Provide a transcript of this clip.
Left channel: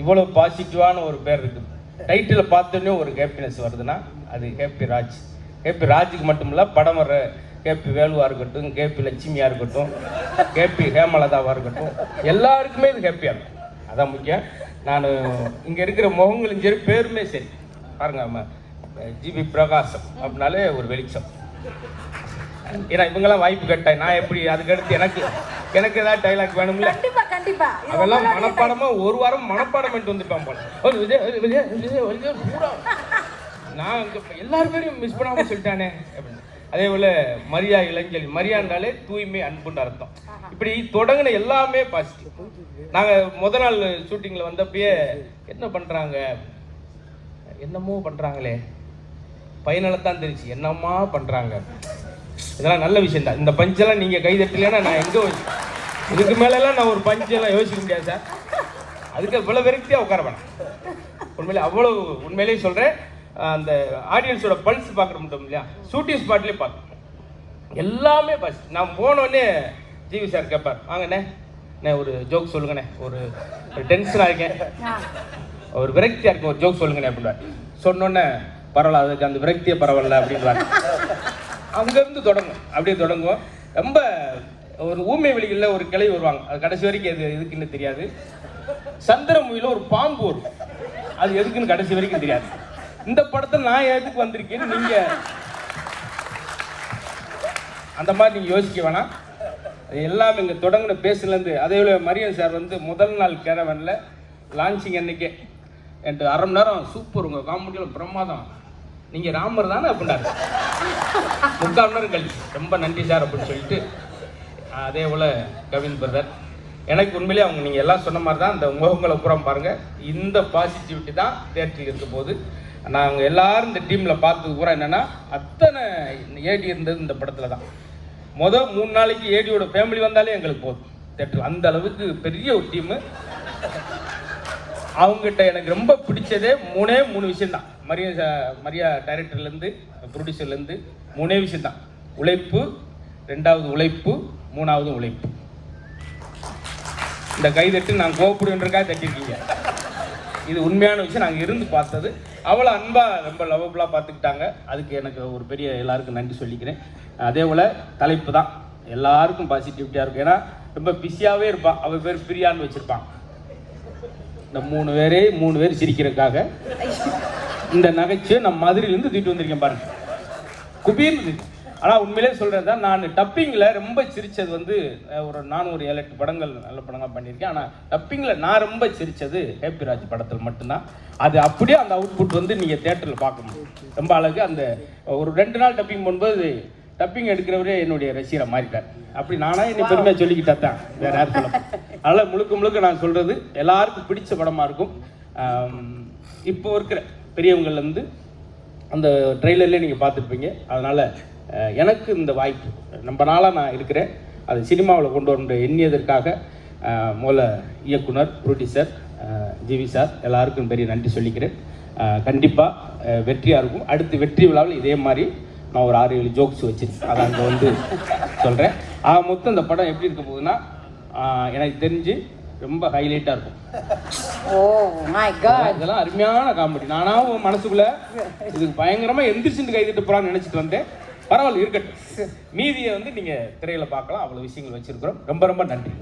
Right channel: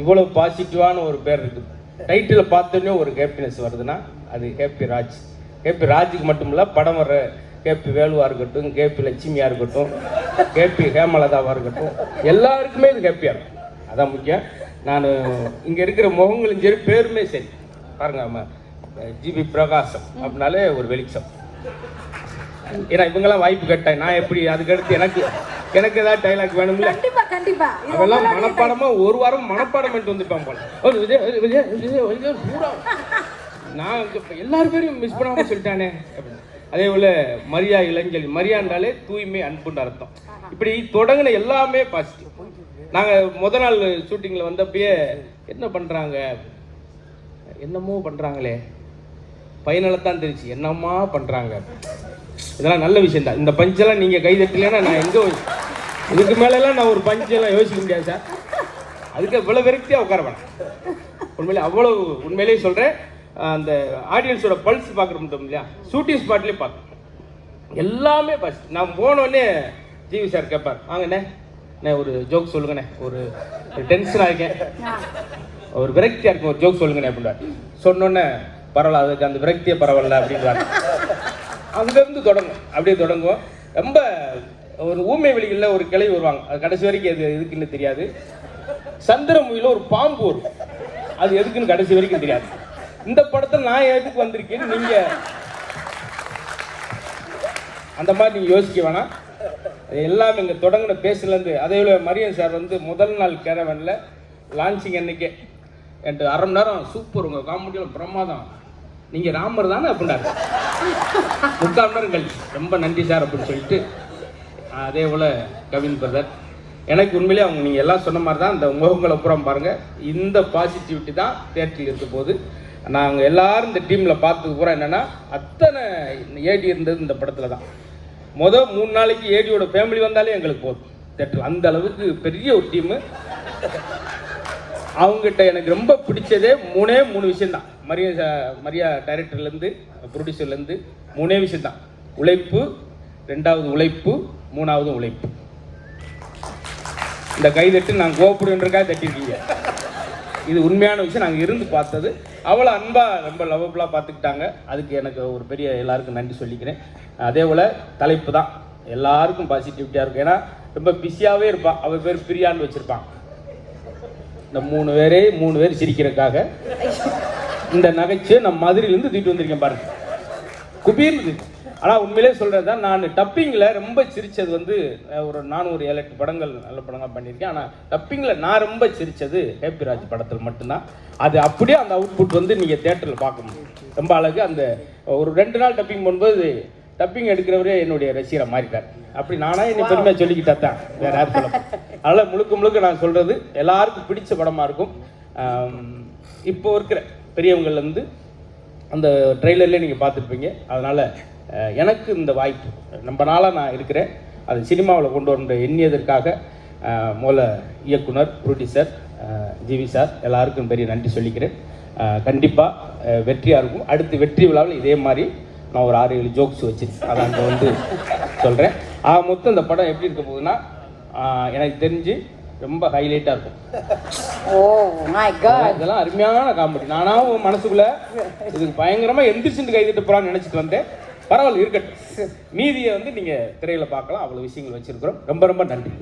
இவ்வளவு பாசிட்டிவான ஒரு பேர் இருக்குது. டைட்டில் பார்த்தோன்னே ஒரு ஹாப்பினஸ் வருதுன்னா அது கேபி ராஜ். கேபி ராஜுக்கு மட்டும் இல்லை, படம் வர கேபி வேலுவா இருக்கட்டும், கேபி லட்சுமியா இருக்கட்டும், கேபி ஹேமலதாவா இருக்கட்டும், எல்லாருக்குமே இது ஹாப்பியா. அதான் முக்கியம். நான் இங்க இருக்கிற முகங்களும் சரி, பேருமே சரி பாருங்க, ஜிபி பிரகாசம் அப்படின்னாலே ஒரு வெளிச்சம். ஏன்னா இவங்கெல்லாம் வாய்ப்பு கேட்டேன், நான் எப்படி அதுக்கடுத்து எனக்கு ஏதாவது டைலாக் வேணும்ல, அதெல்லாம் மனப்பாடமா ஒரு வாரம் மனப்பாடம் பண்ணிட்டு வந்துருப்பாங்க. நான் எல்லாருமே மிஸ் பண்ணாம சொல்லிட்டானே. அதே போல மரியா இளைஞர், மரியாண்டாலே தூய்மை அன்புன்னு அர்த்தம். இப்படி தொடங்கின எல்லாமே பாசிட்டிவ். நாங்க முத நாள் ஷூட்டிங்ல வந்தப்பயே என்ன பண்றாங்க, என்னமோ பண்றாங்களே, பையனத்தான் தெரிச்சு என்னமா பண்றாங்க. இதெல்லாம் நல்ல விஷயம் தான். இந்த பஞ்செல்லாம் நீங்க கை தட்டலன்னா நான் எங்க இதுக்கு மேலாம் நான் ஒரு பஞ்செல்லாம் யோசிக்க முடியாது சார். அதுக்கு இவ்வளவு விரக்தியா உட்கார வேணும். உண்மையிலே அவ்வளவு உண்மையிலேயே சொல்றேன். அந்த ஆடியன்ஸோட பல்ஸ் பார்க்குறோம் இல்லையா, ஷூட்டிங் ஸ்பாட்லேயே பார்க்க எல்லாமே பஸ். நான் போனோடனே ஜிவி சார் கேட்பார், வாங்கண்ணே ஒரு ஜோக் சொல்லுங்கண்ணே, ஒரு டென்ஷனாக இருக்கேன், ஒரு விரக்தியாக இருக்கும், ஒரு ஜோக் சொல்லுங்கண்ணே அப்படின்னா சொன்னோன்னே பரவாயில்ல, அதுக்கு அந்த விரக்தியே பரவாயில்ல அப்படின்வார். அங்கேருந்து தொடங்கும், அப்படியே தொடங்குவோம். ரொம்ப ஒரு ஊமை வெளிகளில் ஒரு கிளை வருவாங்க, அது கடைசி வரைக்கும் அது எதுக்குன்னு தெரியாது. சந்திரமுகில ஒரு பாம்பு வரும், அது எதுக்குன்னு கடைசி வரைக்கும் தெரியாது. இந்த படத்தில் நான் எதுக்கு வந்திருக்கேன் நீங்க அந்த மாதிரி நீங்க யோசிக்க வேணாம். எல்லாம் இங்க தொடங்கின பேசுலேருந்து. அதே போல மரியன் சார் வந்து முதல் நாள் கேரவன்ல லான்ச்சிங் அன்னைக்கே என்கிட்ட அரை மணி நேரம் சூப்பர், உங்க காமெடியில் பிரமாதம், நீங்க ராமர் தானே அப்படின்னாரு. 3/4 மணி நேரம் கழிச்சு ரொம்ப நன்றி சார் அப்படின்னு சொல்லிட்டு. அதே போல கவின் பிரதர், எனக்கு உண்மையிலே அவங்க நீங்க எல்லாம் சொன்ன மாதிரி தான். இந்த முகங்களை புறம் பாருங்க, இந்த பாசிட்டிவிட்டி தான் தியேட்டரில் இருக்கும் போது நாங்கள் எல்லாரும் இந்த டீமில் பார்த்தது பூரா என்னன்னா, அத்தனை ஏடி இருந்தது இந்த படத்தில் தான். முதல் 3 நாளைக்கு ஏடியோட ஃபேமிலி வந்தாலே எங்களுக்கு போதும் தேட்டர். அந்த அளவுக்கு பெரிய ஒரு டீமு. அவங்ககிட்ட எனக்கு ரொம்ப பிடிச்சதே 3 விஷயம் தான். மரியா டைரக்டர்லேருந்து ப்ரொடியூசர்லேருந்து 3 விஷயம் தான். உழைப்பு, 2வது உழைப்பு, 3வது உழைப்பு. இந்த கைதட்டு நான் கோப்புடுன்றக்காக தட்டிருக்கீங்க. இது உண்மையான விஷயம். நாங்கள் இருந்து பார்த்தது. அவ்வளோ அன்பா ரொம்ப லவ்வபுளாக பார்த்துக்கிட்டாங்க. அதுக்கு எனக்கு ஒரு பெரிய எல்லாருக்கும் நன்றி சொல்லிக்கிறேன். அதே போல் தலைப்பு தான் எல்லாருக்கும் பாசிட்டிவிட்டியாக இருக்கும். ஏன்னா ரொம்ப பிஸியாகவே இருப்பான். அவர் பேர் பிரியான்னு வச்சுருப்பான். இந்த 3 பேர் சிரிக்கிறதுக்காக இந்த நகைச்சுவை நம்ம மதுரையிலேருந்து தூக்கிட்டு வந்திருக்கேன் பாருங்க, குபீர். ஆனால் உண்மையிலே சொல்கிறது தான், நான் டப்பிங்கில் ரொம்ப சிரித்தது வந்து நான் ஒரு 7-8 படங்கள் நல்ல படங்கள் பண்ணியிருக்கேன். ஆனால் டப்பிங்கில் நான் ரொம்ப சிரித்தது ஹேப்பி ராஜ் படத்தில் மட்டும்தான். அது அப்படியே அந்த அவுட்புட் வந்து நீங்கள் தேட்டரில் பார்க்க முடியும். ரொம்ப அழகு. அந்த ஒரு 2 நாள் டப்பிங் பண்ணும்போது டப்பிங் எடுக்கிறவரே என்னுடைய ரசிகரை மாறிட்டார். அப்படி நானாக என்னை பெருமையாக சொல்லிக்கிட்டா தான், வேறு யார் சொல்ல. அதனால் முழுக்க நான் சொல்கிறது எல்லாருக்கும் பிடிச்ச படமாக இருக்கும். இப்போ இருக்கிற பெரியவங்கள்லேருந்து அந்த ட்ரெய்லர்லேயே நீங்கள் பார்த்துருப்பீங்க. அதனால் எனக்கு இந்த வாய்ப்பு ரொம்ப நாளாக நான் இருக்கிறேன். அது சினிமாவில் கொண்டு வர எண்ணியதற்காக முதல்ல இயக்குனர், ப்ரொடியூசர் ஜிவி சார் எல்லாருக்கும் பெரிய நன்றி சொல்லிக்கிறேன். கண்டிப்பாக வெற்றியாக இருக்கும். அடுத்து வெற்றி விழாவில் இதே மாதிரி நான் ஒரு 6-7 ஜோக்ஸ் வச்சிருக்கேன். அதை அங்கே வந்து சொல்கிறேன். மொத்தம் இந்த படம் எப்படி இருக்க போகுதுன்னா, எனக்கு தெரிஞ்சு ரொம்ப ஹைலைட்டாக இருக்கும். இதெல்லாம் அருமையான காமெடி. நானாவும் மனசுக்குள்ள இதுக்கு பயங்கரமாக எந்திரிச்சுட்டு கைதிட்டு போகிறான்னு நினச்சிட்டு வந்தேன். பரவாயில்ல இருக்கட்டும். மீதியை வந்து நீங்கள் திரையில் பார்க்கலாம். அவ்வளோ விஷயங்கள் வச்சிருக்கிறோம். ரொம்ப நன்றி.